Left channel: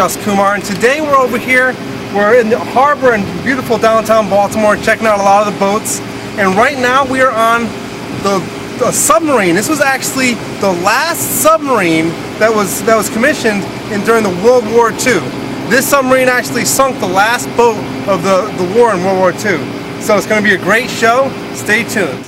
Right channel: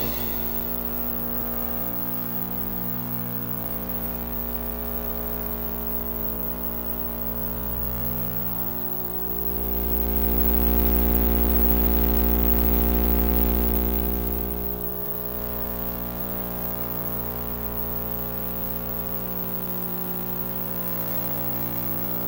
Just Kumar, and today we're over here. We're in the harbor in beautiful downtown Baltimore, checking out a lot of the boats. And right now we are on the submarine. This was actually the last submarine that was commissioned during the World War II. This submarine actually sunk the last boat of the war in World War II. So it's going to be a great show. Stay tuned.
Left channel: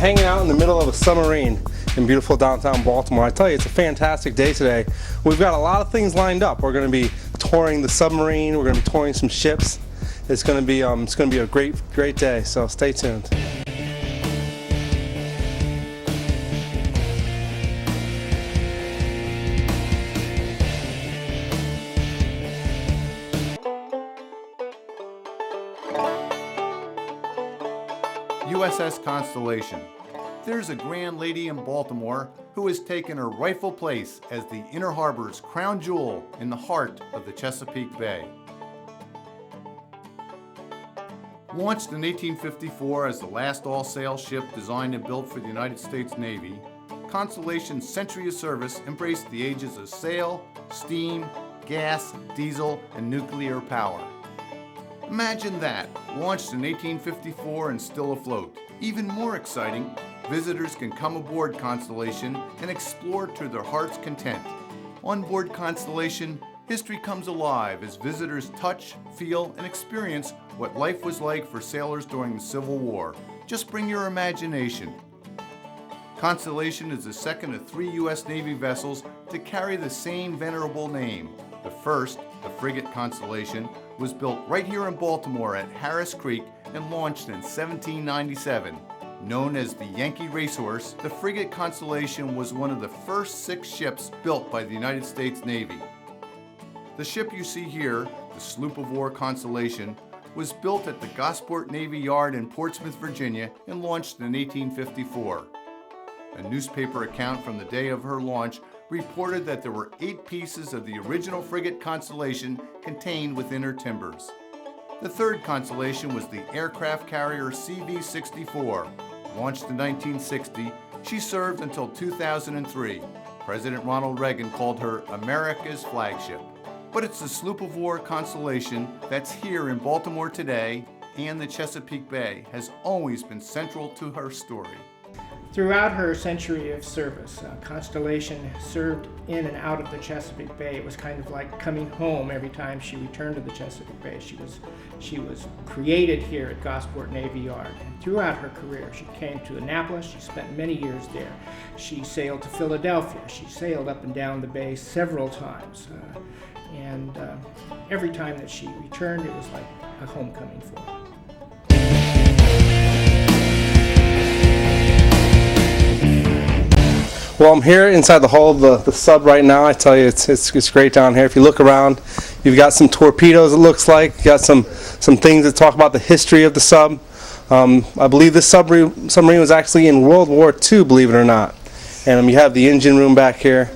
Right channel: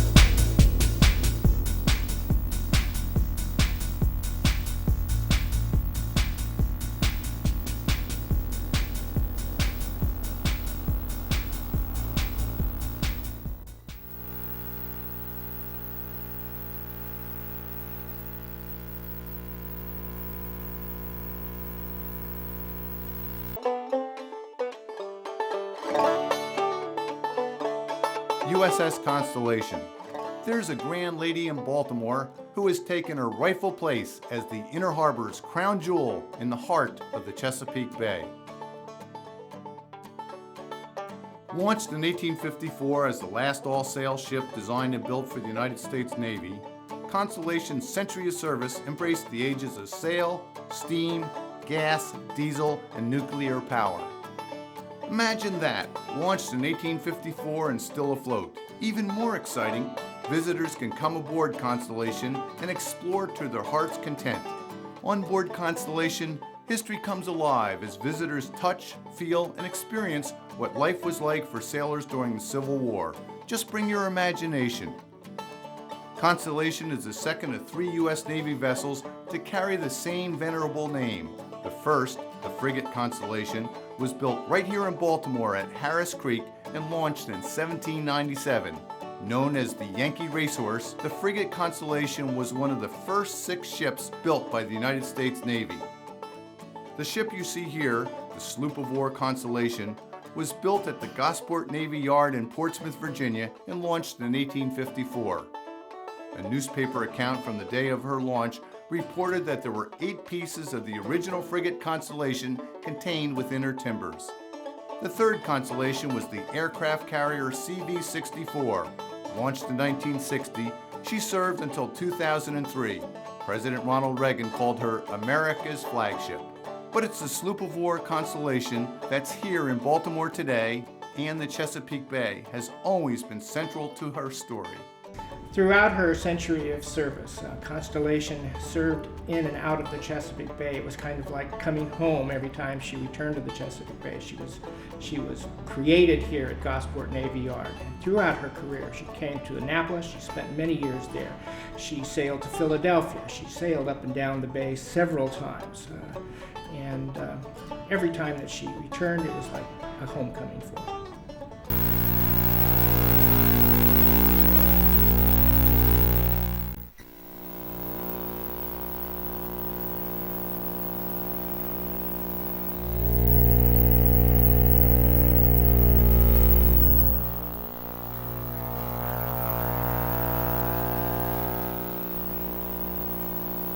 Hanging out in the middle of a submarine in beautiful downtown Baltimore. I tell you, it's a fantastic day today. We've got a lot of things lined up. We're going to be touring the submarine. We're going to be touring some ships. It's going to be a great day. So stay tuned. USS Constellation. There's a grand lady in Baltimore who has taken her rightful place as the Inner Harbor's crown jewel in the heart of the Chesapeake Bay. Launched in 1854 as the last all-sail ship designed and built for the United States Navy, Constellation's century of service embraced the ages of sail, steam, gas, diesel, and nuclear power. Imagine that, launched in 1854 and still afloat. Even more exciting, visitors can come aboard Constellation and explore to their heart's content. On board Constellation, history comes alive as visitors touch, feel, and experience what life was like for sailors during the Civil War. Just bring your imagination. Constellation is the second of 3 U.S. Navy vessels to carry the same venerable name. The first, the Frigate Constellation, was built right here in Baltimore at Harris Creek and launched in 1797. Known as the Yankee Racehorse, the Frigate Constellation was one of the first 6 ships built by the United States Navy. The ship you see here, the sloop of war Constellation, was built at the Gosport Navy Yard in Portsmouth, Virginia, and launched in 1854. A newspaper account from the day of her launch reported that there were 8 pieces of the original Frigate Constellation contained within her timbers. The third Constellation was the aircraft carrier CV-64. Launched in 1960, she served until 2003. President Ronald Reagan called her America's flagship. But it's the sloop of war Constellation that's here in Baltimore today, and the Chesapeake Bay has always been central to her story. Throughout her century of service, Constellation served in and out of the Chesapeake Bay. It was kind of like coming home every time she returned to the Chesapeake Bay. She was created here at Gosport Navy Yard. And throughout her career, she came to Annapolis. She spent many years there. She sailed to Philadelphia. She sailed up and down the bay several times. And every time that she returned, it was like a homecoming for her. Well, I'm here inside the hull of the sub right now. I tell you, it's great down here. If you look around, you've got some torpedoes, it looks like. You got some things that talk about the history of the sub. I believe this submarine was actually in World War II, believe it or not. And you have the engine room back here.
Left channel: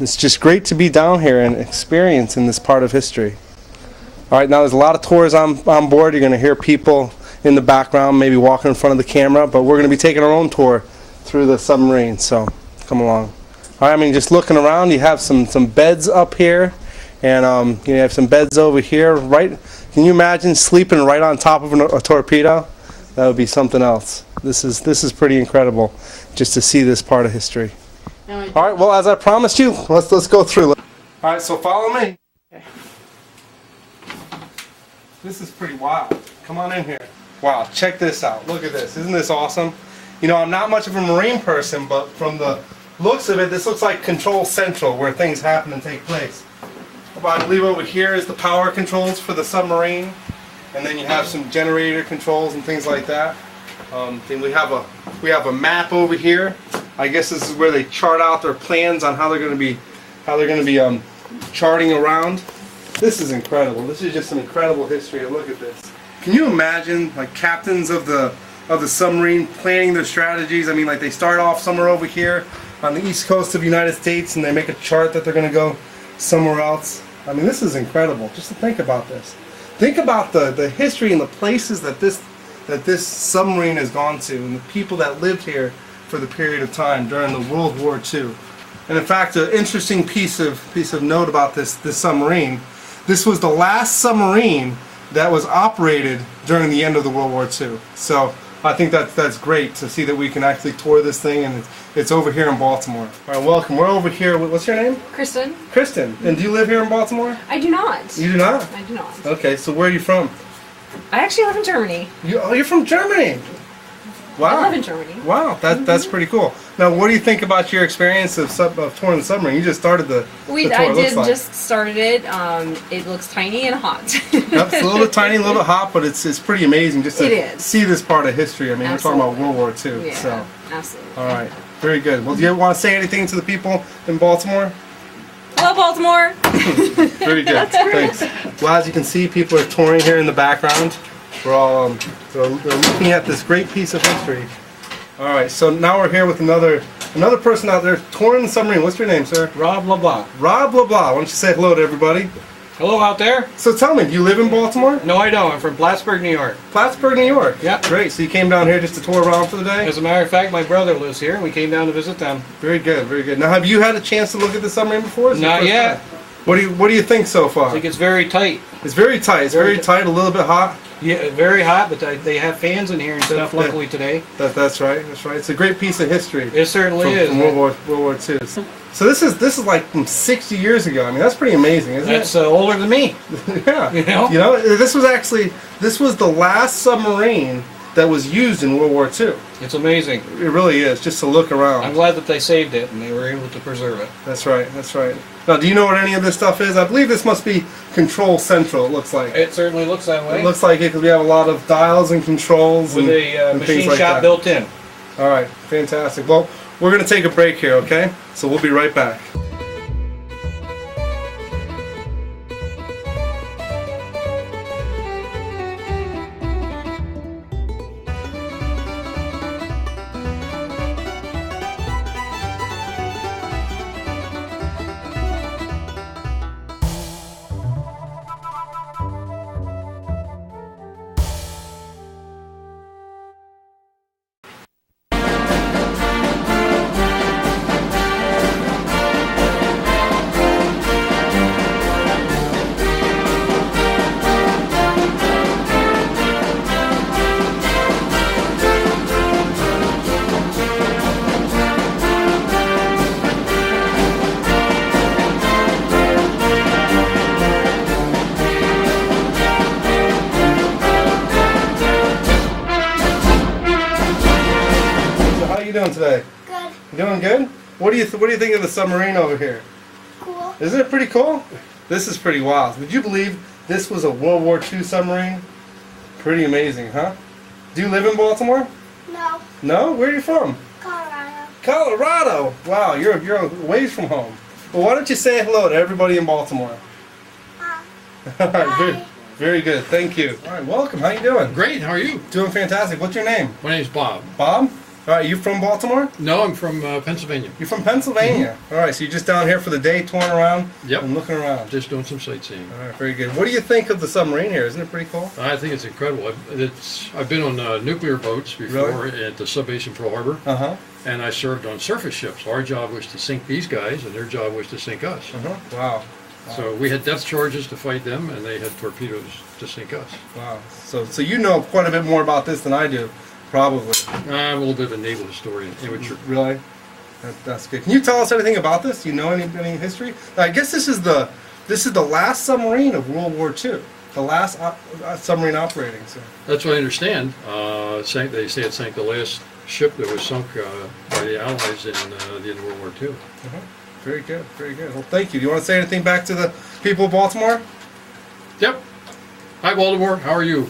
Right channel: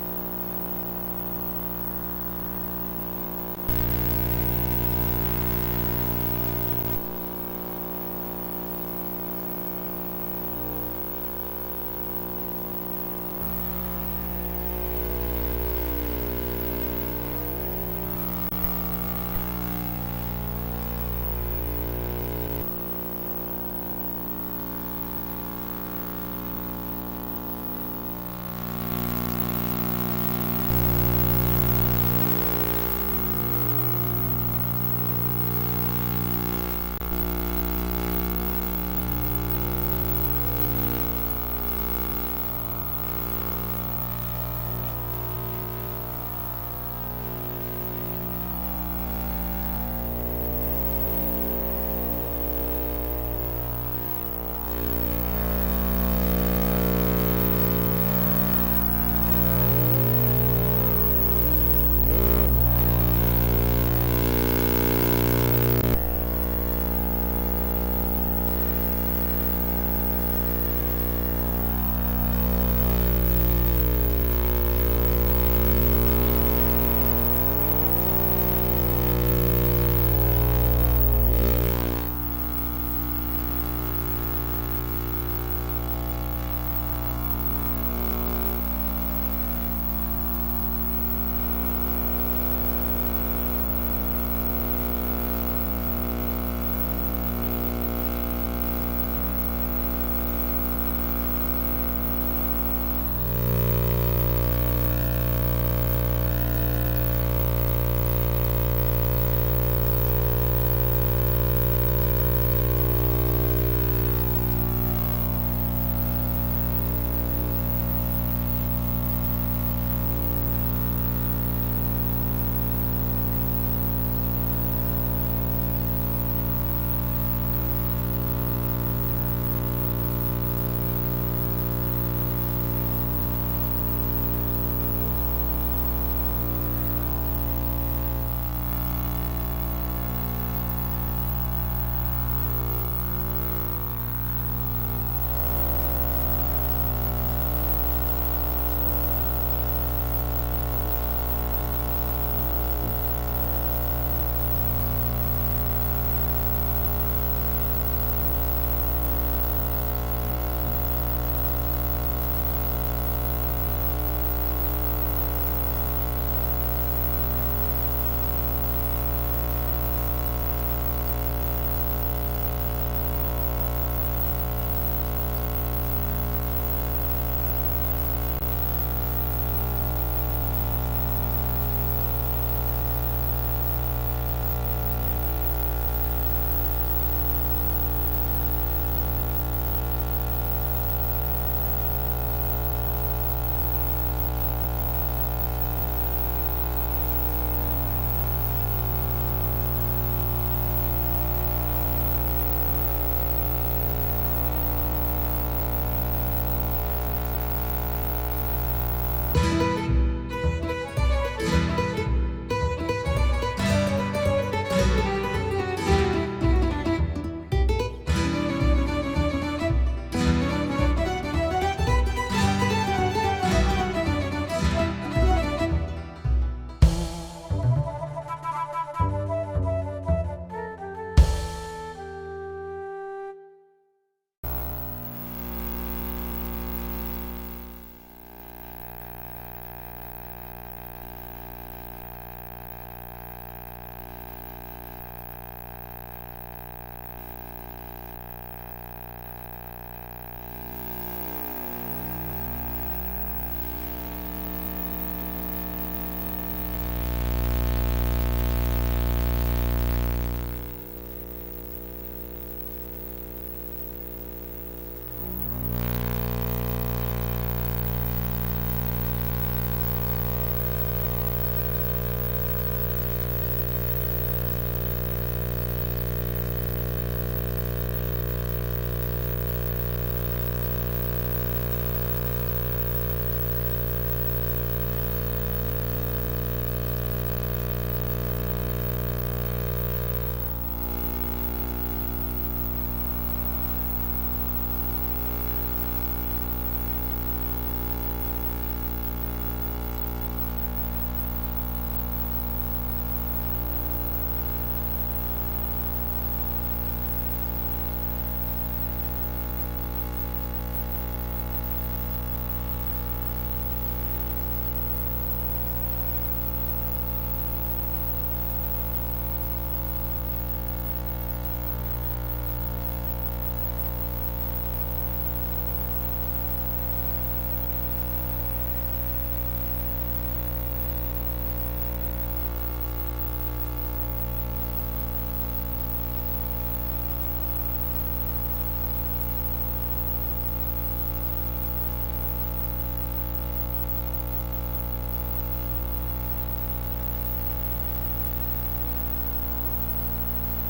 It's just great to be down here and experiencing this part of history. All right, now there's a lot of tours on board. You're going to hear people in the background, maybe walking in front of the camera, but we're going to be taking our own tour through the submarine, so come along. All right, I mean, just looking around, you have some beds up here, and you have some beds over here. Right? Can you imagine sleeping right on top of a torpedo? That would be something else. This is pretty incredible, just to see this part of history. All right, well, as I promised you, let's go through. All right, so follow me. This is pretty wild. Come on in here. Wow, check this out. Look at this. Isn't this awesome? You know, I'm not much of a marine person, but from the looks of it, this looks like Control Central, where things happen and take place. Well, I believe over here is the power controls for the submarine, and then you have some generator controls and things like that. Then we have a map over here. I guess this is where they chart out their plans on how they're going to be charting around. This is incredible. This is just an incredible history. Look at this. Can you imagine, like, captains of the submarine planning their strategies? I mean, like, they start off somewhere over here on the east coast of the United States, and they make a chart that they're going to go somewhere else. I mean, this is incredible. Just think about this. Think about the history and the places that this submarine has gone to, and the people that lived here for the period of time during the World War II. And in fact, an interesting piece of note about this submarine. This was the last submarine that was operated during the end of the World War II. So I think that's great to see that we can actually tour this thing, and it's over here in Baltimore. All right, welcome. We're over here. What's your name? Kristen. Kristen. And do you live here in Baltimore? I do not. You do not? I do not. Okay, so where are you from? I actually live in Germany. You're from Germany? Wow. I live in Germany. Wow, that's pretty cool. Now, what do you think about your experience of touring the submarine? You just started the tour. I did just started it. It looks tiny and hot. Yep, it's a little bit tiny, a little bit hot, but it's pretty amazing just to see this part of history. I mean, Absolutely. we're talking about World War II. Yeah, So. absolutely. All right, very good. Well, do you want to say anything to the people in Baltimore? Hello, Baltimore. Very good. Thanks. Well, as you can see, people are touring here in the background. We're all they're looking at this great piece of history. All right, so now we're here with another person out there touring the submarine. What's your name, sir? Rob LeBlanc. Rob LeBlanc. Why don't you say hello to everybody? Hello out there? So tell me, do you live in Baltimore? No, I don't. I'm from Plattsburgh, New York. Plattsburgh, New York. Yeah. Great. So you came down here just to tour around for the day? As a matter of fact, my brother lives here, and we came down to visit them. Very good, very good. Now, have you had a chance to look at the submarine before? Is it Not the first yet. time? What do you think so I far? think it's very tight. It's very tight. It's very tight. A little bit hot. Yeah, very hot, but they have fans in here and stuff, luckily today. That's right. That's right. It's a great piece of history. It certainly is. From World War II. So this is like from 60 years ago. I mean, that's pretty amazing, isn't That's older than me. it? Yeah. You know? You know, this was the last submarine that was used in World War II. It's amazing. It really is, just to look around. I'm glad that they saved it and they were able to preserve it. That's right. That's right. Now, do you know what any of this stuff is? I believe this must be Control Central. It looks like. It certainly looks that way. It looks like it because we have a lot of dials and controls with a and things machine like shop that. built in. All right, fantastic. Well, we're going to take a break here, okay? So we'll be right back. You doing today? Good. You doing good? What do you think of the submarine over here? Cool. Isn't it pretty cool? This is pretty wild. Would you believe this was a World War II submarine? Pretty amazing, huh? Do you live in Baltimore? No. No? Where are you from? Colorado. Colorado. Wow, you're a ways from home. Well, why don't you say hello to everybody in Baltimore? All right, very, very good. Thank you. All right, welcome. How you doing? Great, how are you? Doing fantastic. What's your name? My name's Bob. Bob? All right, you from Baltimore? No, I'm from Pennsylvania. You're from Pennsylvania. All right, so you're just down here for the day, touring around Yep. and looking around. Just doing some sightseeing. All right, very good. What do you think of the submarine here? Isn't it pretty cool? I think it's incredible. I've been on nuclear boats before Really? at the subbase Pearl Harbor, Uh-huh. and I served on surface ships. Our job was to sink these guys, and their job was to sink us. Uh-huh. Wow. So we had depth charges to fight them, and they had torpedoes to sink us. Wow. So you know quite a bit more about this than I do, probably. I'm a little bit of a naval historian. Amateur. Really? That's good. Can you tell us anything about this? Do you know any history? I guess this is the last submarine of World War II. The last submarine operating. So. That's what I understand. They say it sank the last ship that was sunk by the Allies in the end of World War II. Very good. Very good. Well, thank you. Do you want to say anything back to the people of Baltimore? Yep. Hi, Baltimore. How are you?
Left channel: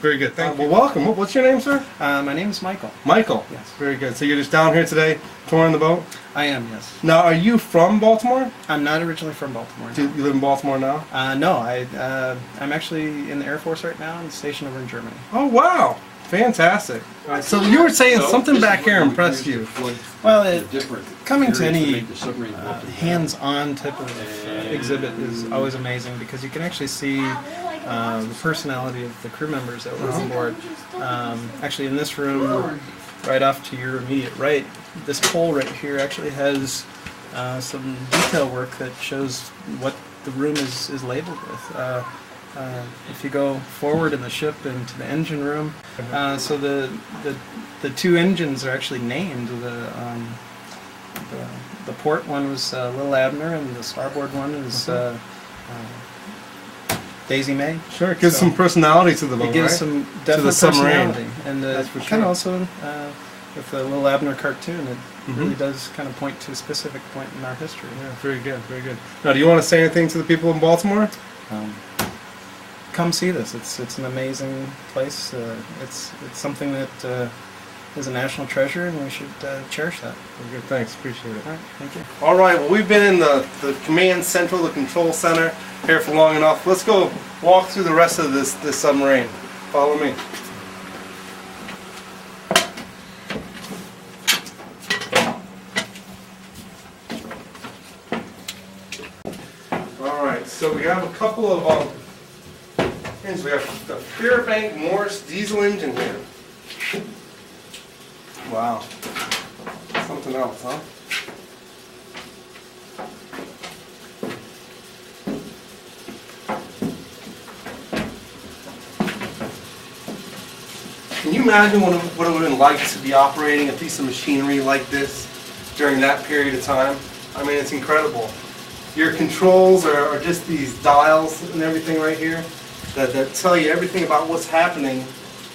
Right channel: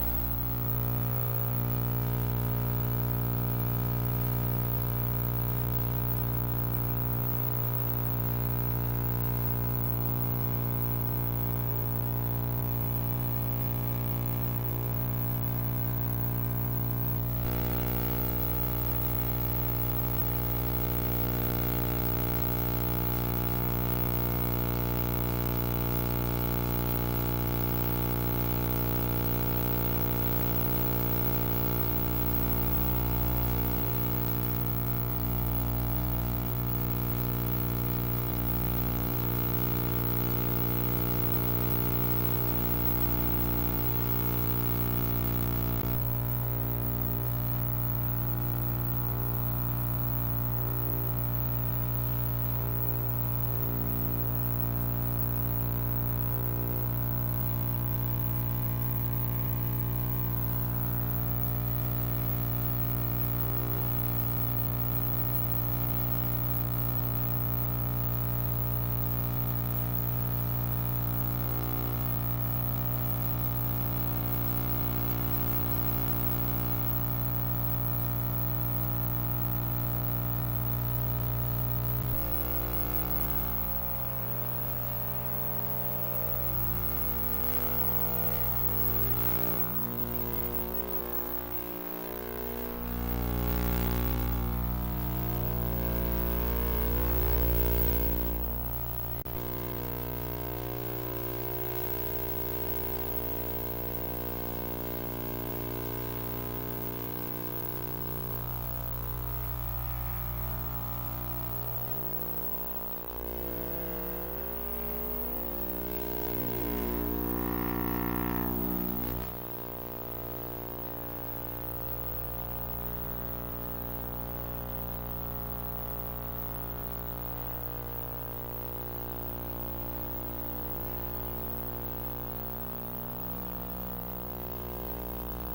Very good. Thank you. Well, welcome. What's your name, sir? My name is Michael. Michael. Yes. Very good. So you're just down here today, touring the boat? I am, yes. Now, are you from Baltimore? I'm not originally from Baltimore. Do you live in Baltimore now? No, I'm actually in the Air Force right now and stationed over in Germany. Oh, wow. Fantastic. All right, so you were saying something back here impressed you. Well, coming to any hands-on type of exhibit is always amazing because you can actually see the personality of the crew members that were on board. Actually, in this room, right off to your immediate right, this pole right here actually has some detail work that shows what the room is labeled with. If you go forward in the ship into the engine room, so the two engines are actually named. The port one was Little Abner, and the starboard one is Daisy May. Sure, it gives So some personality to the boat, it gives right? some To definite the submarine. personality, and That's for kind sure. of also with the Little Abner cartoon, it Mhm. really does kind of point to a specific point in our history. Yeah, very good, very good. Now, do you want to say anything to the people in Baltimore? Come see this. It's an amazing place. It's something that is a national treasure, and we should cherish that. Very good, thanks, appreciate it. All right, thank you. All right, well, we've been in the command central, the control center here for long enough. Let's go walk through the rest of this submarine. Follow me. All right, so we have a couple of engines. We have the Fairbank Morse diesel engine here. Wow, something else, huh? Can you imagine what it would have been like to be operating a piece of machinery like this during that period of time? I mean, it's incredible. Your controls are just these dials and everything right here that tell you everything about what's happening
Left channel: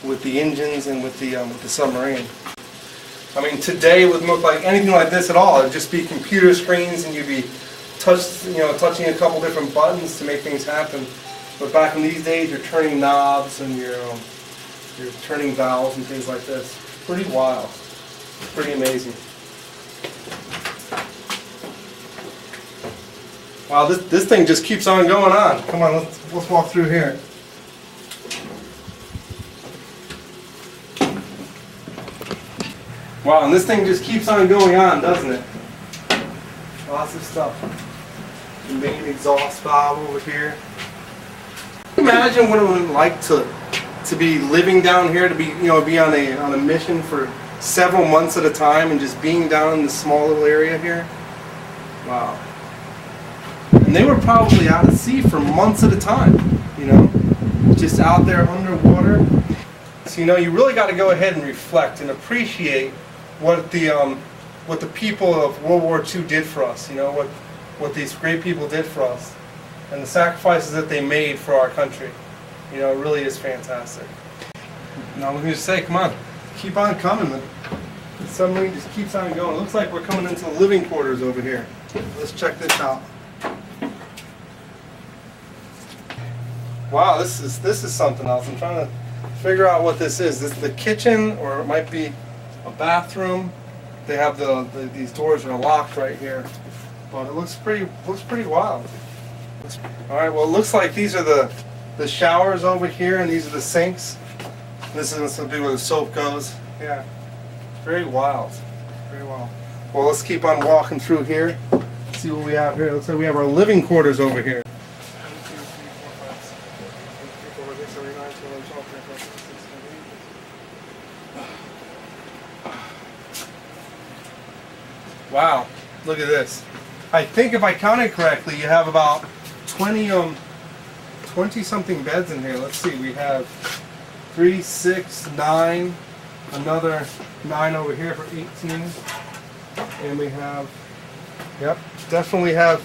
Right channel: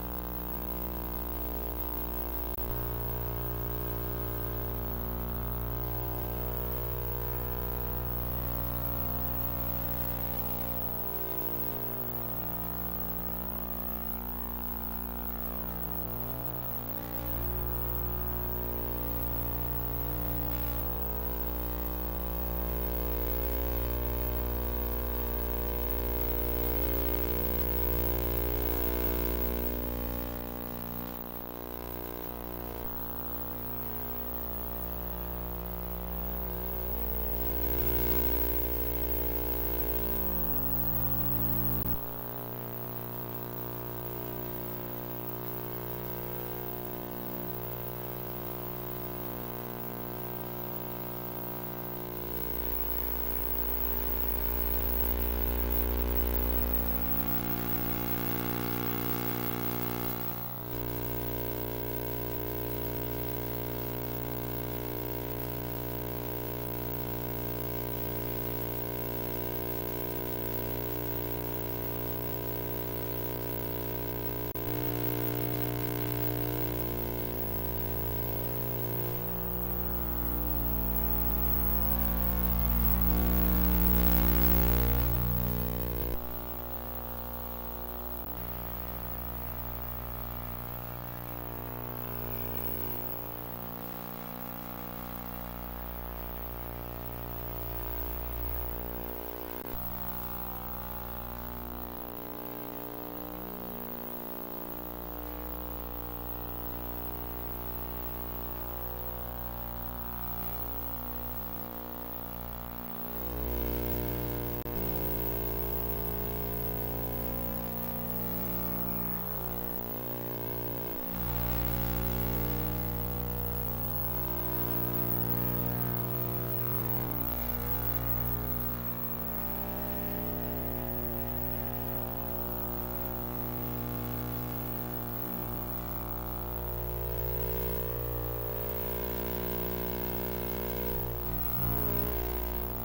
with the engines and with the submarine. I mean, today it wouldn't look like anything like this at all. It'd just be computer screens, and you'd be touching a couple different buttons to make things happen. But back in these days, you're turning knobs and you're turning valves and things like this. Pretty wild. Pretty amazing. Wow, this thing just keeps on going on. Come on, let's walk through here. Wow, and this thing just keeps on going on, doesn't it? Lots of stuff. The main exhaust valve over here. Can you imagine what it would be like to be living down here, to be be on a mission for several months at a time and just being down in this small little area here? Wow. And they were probably out at sea for months at a time, just out there underwater. So you really got to go ahead and reflect and appreciate what the people of World War II did for us. What these great people did for us, and the sacrifices that they made for our country. It really is fantastic. Now we're going to say, come on, keep on coming. The submarine just keeps on going. It looks like we're coming into the living quarters over here. Let's check this out. Wow, this is something else. I'm trying to figure out what this is. This is the kitchen, or it might be a bathroom. They have these doors are locked right here, but it looks pretty wild. All right, well, it looks like these are the showers over here, and these are the sinks. This is going to be where the soap goes. Yeah, Very wild. Very wild. Well, let's keep on walking through here. See what we have here. Looks like we have our living quarters over here. Wow, look at this. I think if I counted correctly, you have about 20 something beds in here. Let's see, we have 3, 6, 9, another 9 over here for 18. And we have, yep, definitely have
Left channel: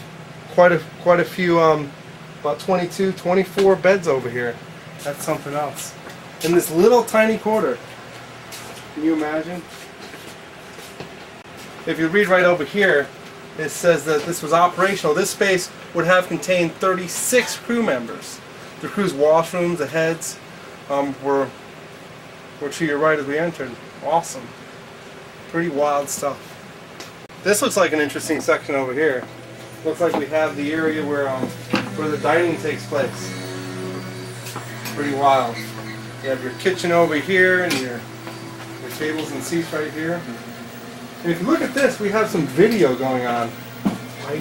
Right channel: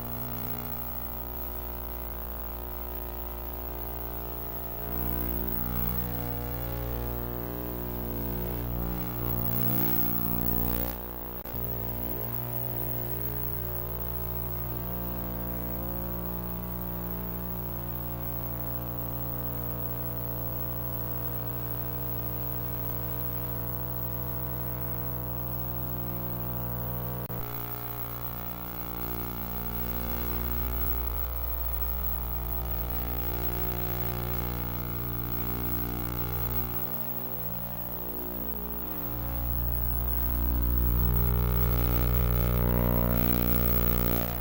quite a few, about 22, 24 beds over here. That's something else. In this little tiny quarter. Can you imagine? If you read right over here, it says that this was operational. This space would have contained 36 crew members. The crew's washrooms, the heads, were to your right as we entered. Awesome. Pretty wild stuff. This looks like an interesting section over here. Looks like we have the area where the dining takes place. Pretty wild. You have your kitchen over here and your tables and seats right here. And if you look at this, we have some video going on.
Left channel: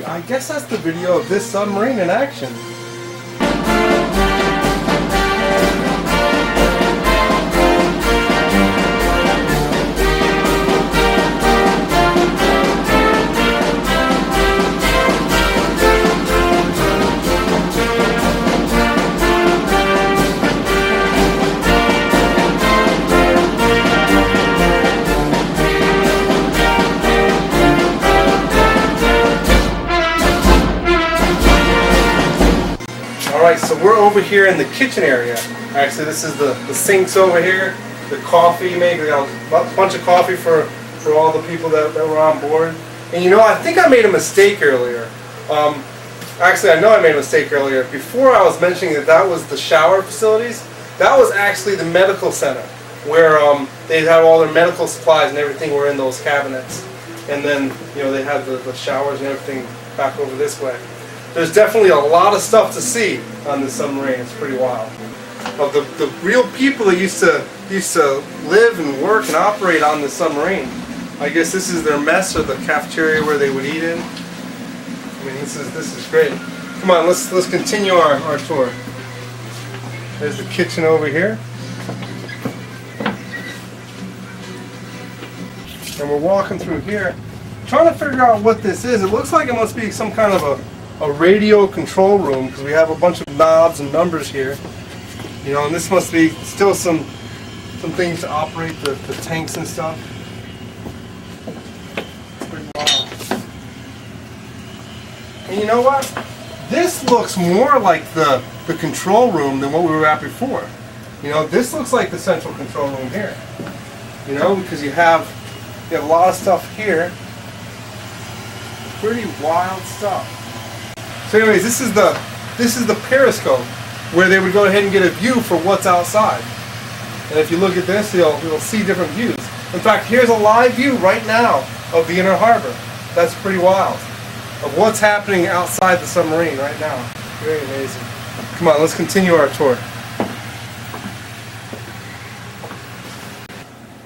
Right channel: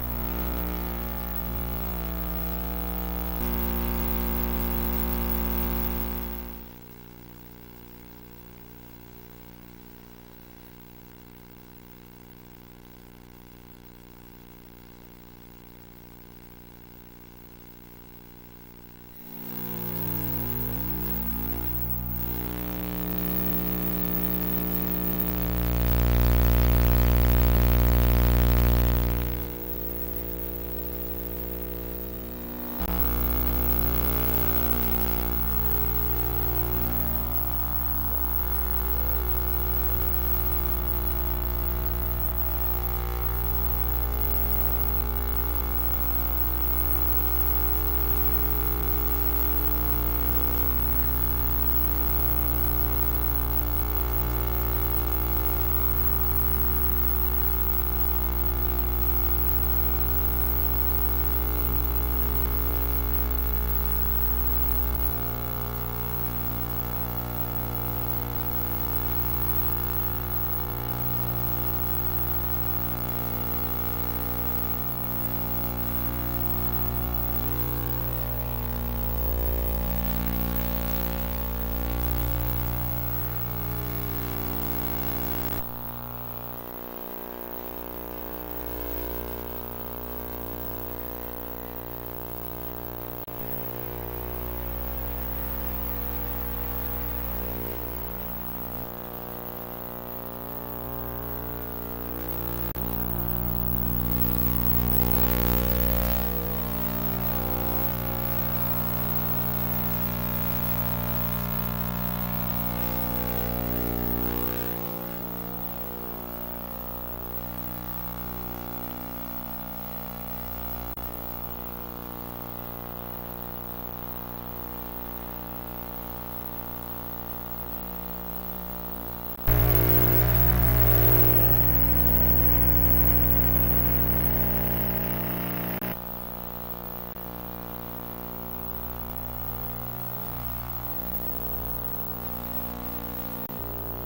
I guess that's the video of this submarine in action. So we're over here in the kitchen area. Actually, this is the sinks over here, the coffee maker. We got a bunch of coffee for all the people that were on board. And you know, I think I made a mistake earlier. Actually, I know I made a mistake earlier. Before I was mentioning that was the shower facilities, that was actually the medical center where they had all their medical supplies and everything were in those cabinets. And then, you know, they had the showers and everything back over this way. There's definitely a lot of stuff to see on this submarine. It's pretty wild. Of the real people that used to live and work and operate on this submarine. I guess this is their mess or the cafeteria where they would eat in. I mean, this is great. Come on, let's continue our tour. There's the kitchen over here. And we're walking through here, trying to figure out what this is. It looks like it must be some kind of a radio control room because we have a bunch of knobs and numbers here. You know, and this must be still some things to operate the tanks and stuff. Pretty wild. And you know what? This looks more like the control room than what we were at before. You know, this looks like the central control room here. You know, because you have a lot of stuff here. Pretty wild stuff. So anyways, this is the Periscope where they would go ahead and get a view for what's outside. And if you look at this, you'll see different views. In fact, here's a live view right now of the inner harbor. That's pretty wild. Of what's happening outside the submarine right now. Very amazing. Come on, let's continue our tour.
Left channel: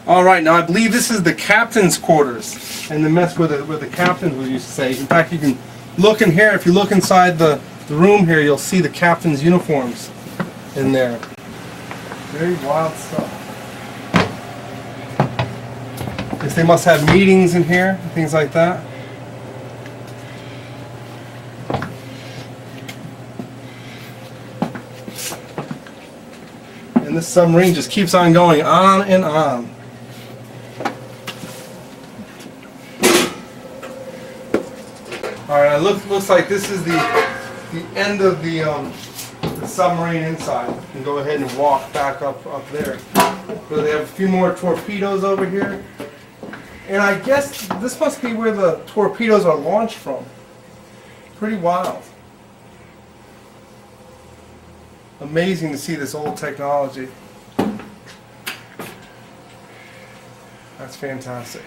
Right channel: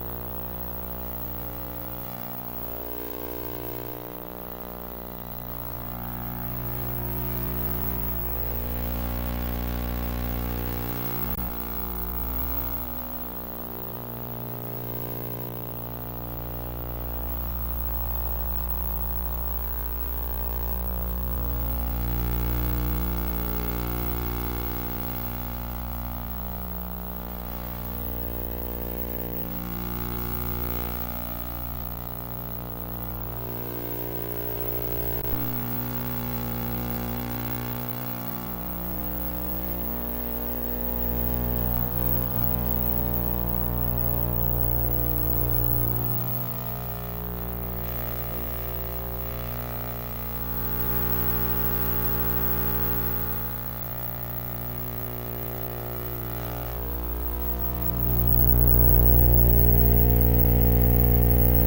All right, now I believe this is the captain's quarters and the mess where the captains would used to stay. In fact, you can look in here. If you look inside the room here, you'll see the captain's uniforms in there. Very wild stuff. Guess they must have meetings in here, things like that. And this submarine just keeps on going on and on. Alright, it looks like this is the end of the submarine inside. You can go ahead and walk back up there. So they have a few more torpedoes over here. And I guess this must be where the torpedoes are launched from. Pretty wild. Amazing to see this old technology. That's fantastic.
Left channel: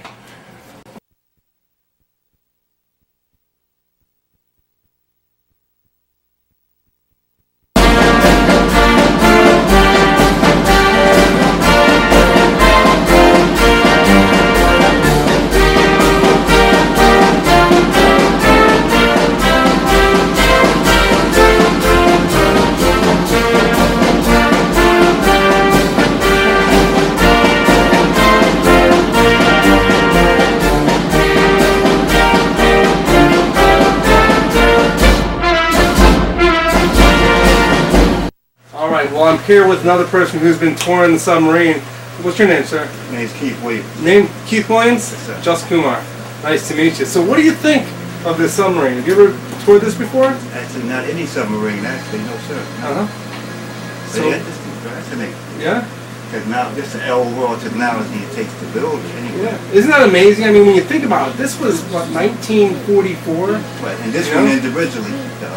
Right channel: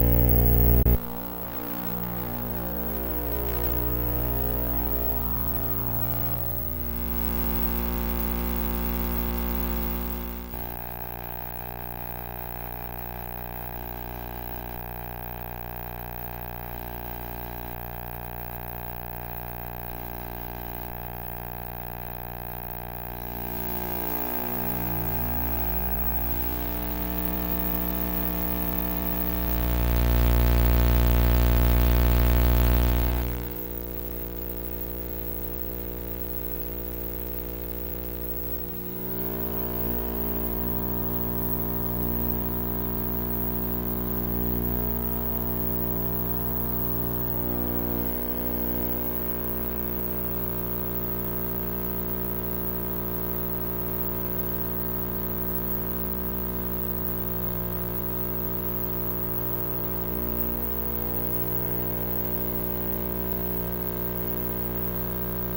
here with another person who's been touring the submarine. What's your name, sir? My name's Keith Williams. Name Keith Williams? Yes, sir. Just Kumar. Nice to meet you. So what do you think of this submarine? Have you ever toured this before? Actually, not any submarine, actually, no, sir. Uh-huh. But So, yeah, this is fascinating. yeah? Technology, this is overall technology it takes to build it anyway. Yeah. Isn't that amazing? I mean, when you think about it, this was, what, 1944? But, and this Yeah. one individually, the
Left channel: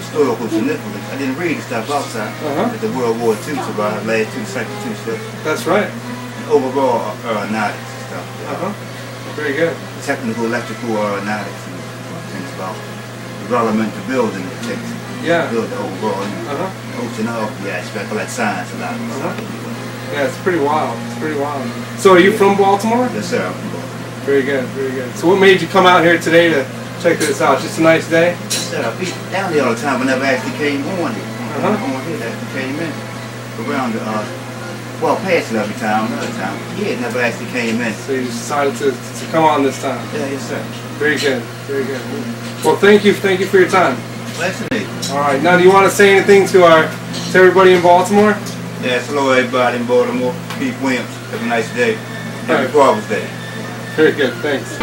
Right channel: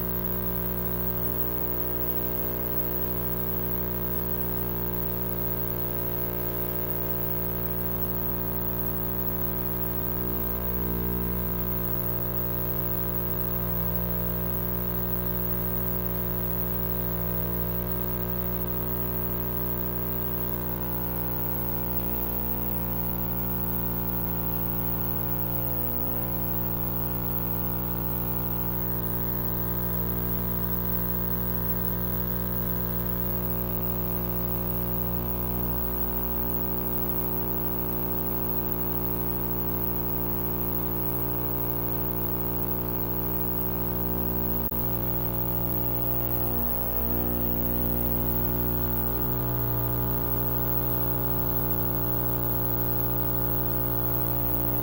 historical significance, I didn't read the stuff outside. Uh-huh. At the World War II survived, last two, second two ships. That's right. Overall aeronautics and stuff. Uh-huh. Very good. Technical electrical aeronautics and things about development to building it takes Yeah. to build the overall Uh-huh. oceanography aspect, all that science and all that Uh-huh. stuff. Yeah, it's pretty wild. It's pretty wild. So are you from Baltimore? Yes, sir. Very good, very good. So what made you come out here today to check this out? Just a nice day? Yes, sir. I be down here all the time. I never actually came on here. Uh-huh. On here, actually came in. Around the, well, past it every time, another time. Yeah, never actually came in. So you decided to come on this time. Yeah, yes, sir. Very good, very good. Well, thank you for your time. Fascinating. All right, now do you want to say anything to everybody in Baltimore? Yes, hello everybody in Baltimore. Pete Williams. Have a nice day. Happy Right. Father's Day. Very good, thanks.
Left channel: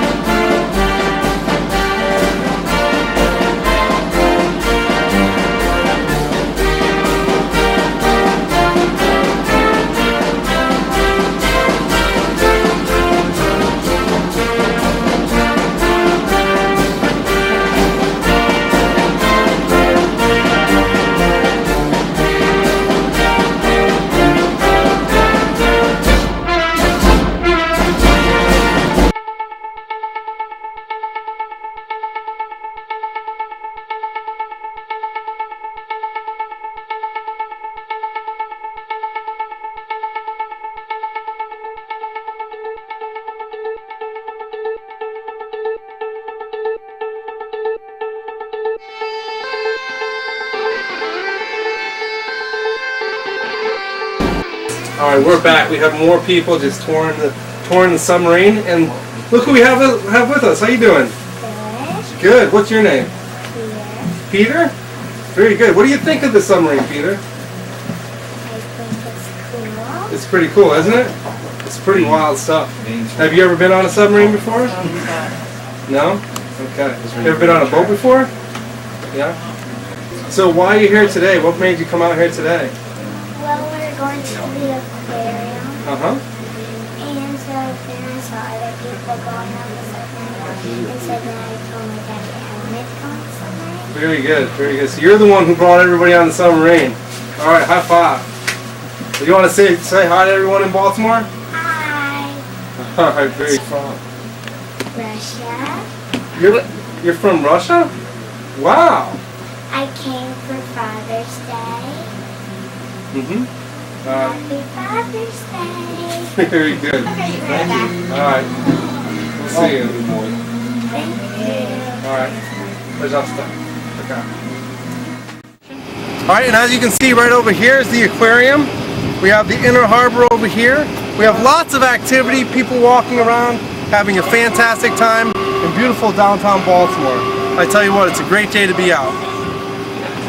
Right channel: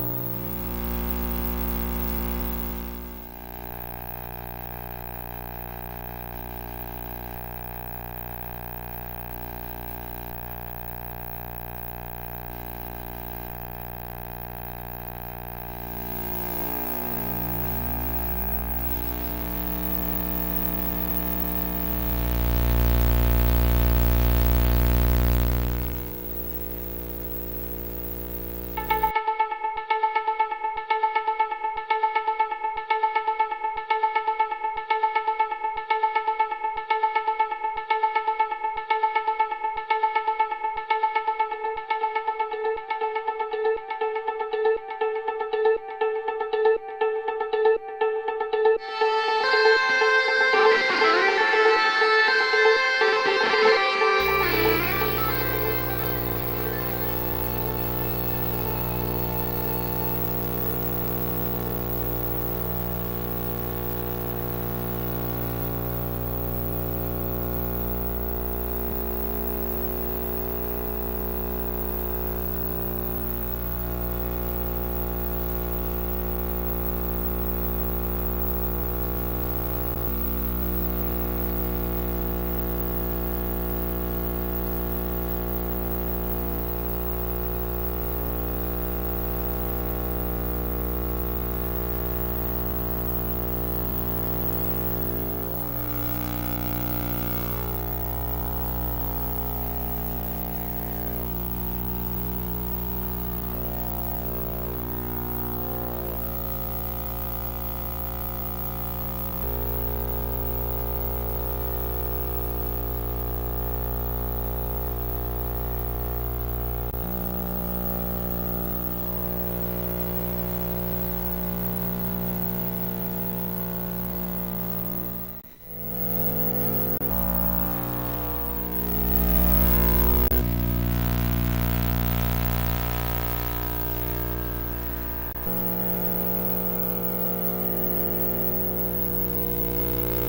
All right, we're back. We have more people just touring the submarine, and look who we have with us. How you doing? Good. What's your name? Peter. Very good. What do you think of the submarine, Peter? It's pretty cool, isn't it? It's pretty wild stuff. Have you ever been on a submarine before? No? Okay. You ever been on a boat before? Yeah? So why are you here today? What made you come out here today? Well, we're going to the aquarium, Uh-huh. and so then I saw other people going on the submarine, and so then I told my dad to helmet on the submarine. Very good, very good. So you're the one who brought everybody on the submarine. All right, high five. So you want to say hi to everyone in Baltimore? Hi, All right, very fun. Russia. You're from Russia? Wow. I came for Father's Day. Mm-hmm. Happy Father's Day. Very good. Thank you. All right. We'll see you. Thank you. All right. Pожалуйста. Okay. All right, and as you can see right over here is the aquarium. We have the inner harbor over here. We have lots of activity, people walking around, having a fantastic time in beautiful downtown Baltimore. I tell you what, it's a great day to be out.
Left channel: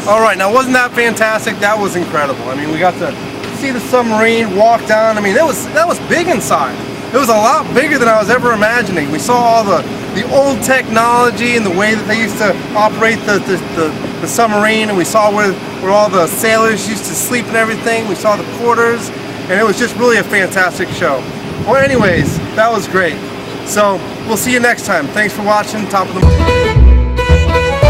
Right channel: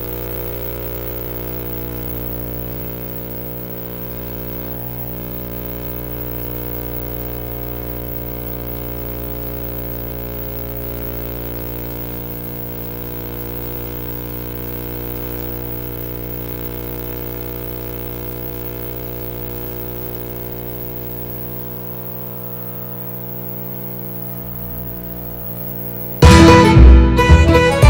All right, now wasn't that fantastic? That was incredible. I mean, we got to see the submarine, walk down. I mean, that was big inside. It was a lot bigger than I was ever imagining. We saw all the old technology and the way that they used to operate the submarine, and we saw where all the sailors used to sleep and everything. We saw the quarters, and it was just really a fantastic show. Well, anyways, that was great. So we'll see you next time. Thanks for watching Top of the Morning.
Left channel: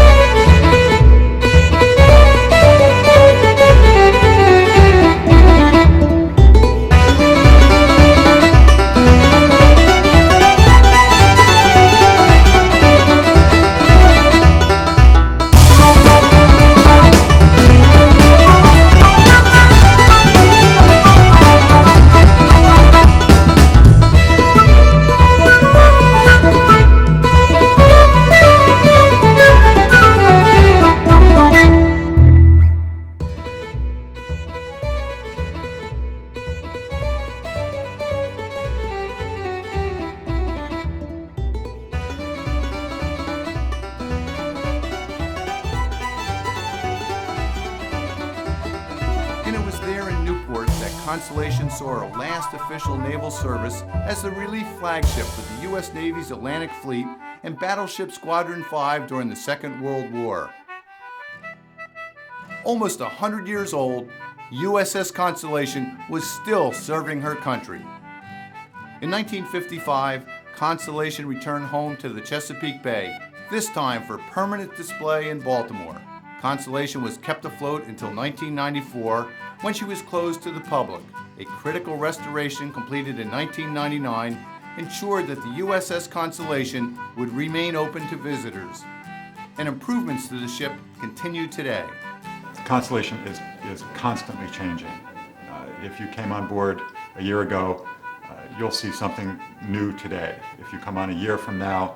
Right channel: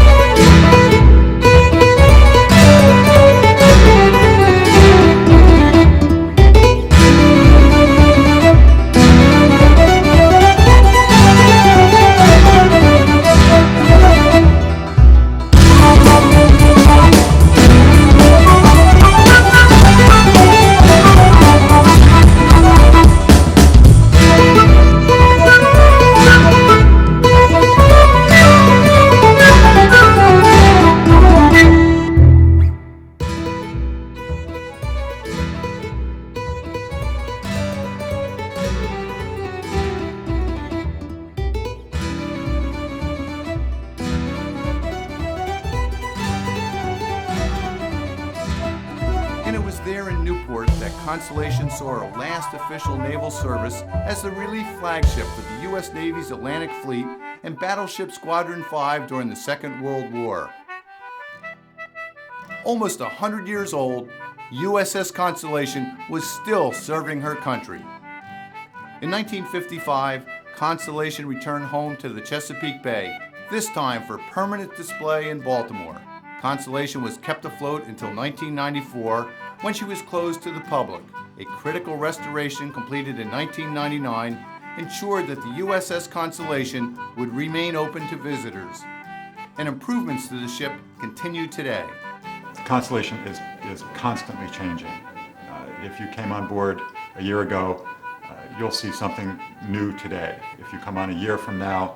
Constellation saw her last official naval service as the relief flagship for the U.S. Navy's Atlantic Fleet and Battleship Squadron 5 during the Second World War. Almost 100 years old, USS Constellation was still serving her country. In 1955, Constellation returned home to the Chesapeake Bay, this time for permanent display in Baltimore. Constellation was kept afloat until 1994, when she was closed to the public. A critical restoration completed in 1999 ensured that the USS Constellation would remain open to visitors, and improvements to the ship continue today. Constellation is constantly changing. If you came on board a year ago, you'll see something new today. If you come on a year from now,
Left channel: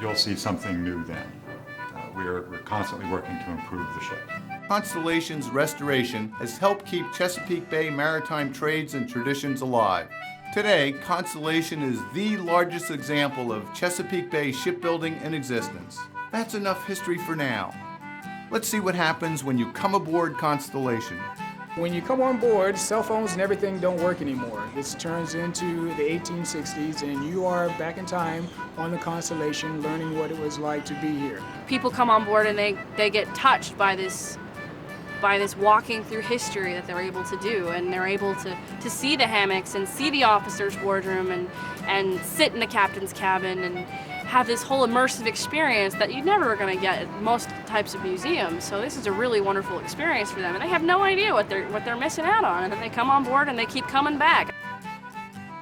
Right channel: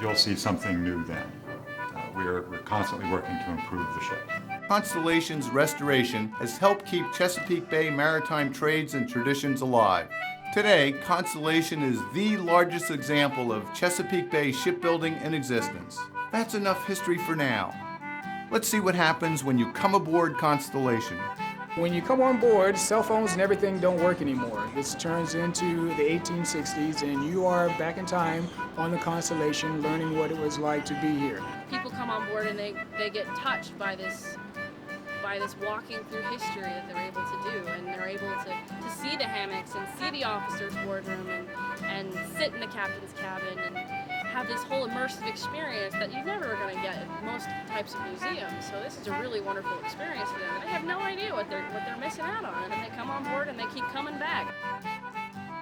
you'll see something new then. We're constantly working to improve the ship. Constellation's restoration has helped keep Chesapeake Bay maritime trades and traditions alive. Today, Constellation is the largest example of Chesapeake Bay shipbuilding in existence. That's enough history for now. Let's see what happens when you come aboard Constellation. When you come on board, cell phones and everything don't work anymore. This turns into the 1860s and you are back in time on the Constellation learning what it was like to be here. People come on board and they get touched by this walking through history that they're able to do, and they're able to see the hammocks and see the officer's wardroom and sit in the captain's cabin and have this whole immersive experience that you're never going to get at most types of museums. So this is a really wonderful experience for them, and they have no idea what they're missing out on, and they come on board and they keep coming back.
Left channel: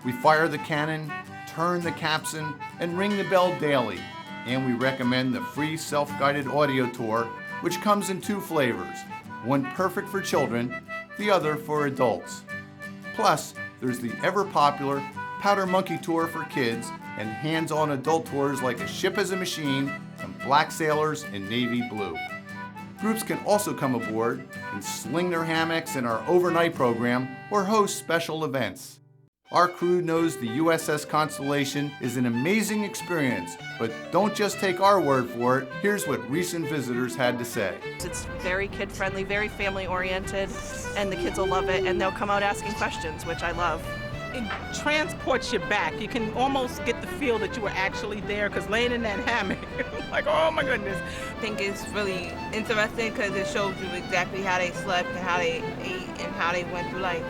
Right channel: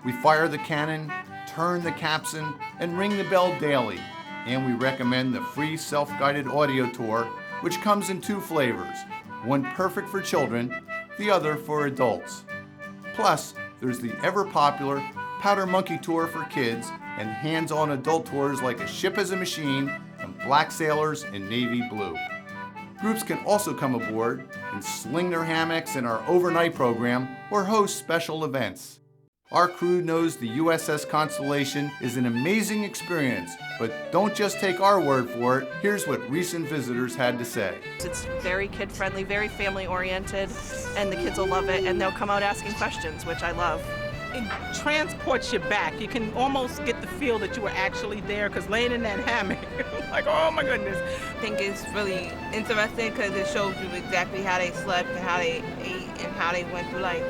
We fire the cannon, turn the capstan, and ring the bell daily. And we recommend the free self-guided audio tour, which comes in 2 flavors, one perfect for children, the other for adults. Plus, there's the ever-popular Powder Monkey Tour for kids and hands-on adult tours like A Ship as a Machine and Black Sailors in Navy Blue. Groups can also come aboard and sling their hammocks in our overnight program or host special events. Our crew knows the USS Constellation is an amazing experience, but don't just take our word for it. Here's what recent visitors had to say. It's very kid-friendly, very family-oriented, and the kids will love it, and they'll come out asking questions, which I love. It transports you back. You can almost get the feel that you were actually there, because laying in that hammock, like, oh my goodness. I think it's really interesting because it shows you exactly how they slept and how they ate and how they went through life.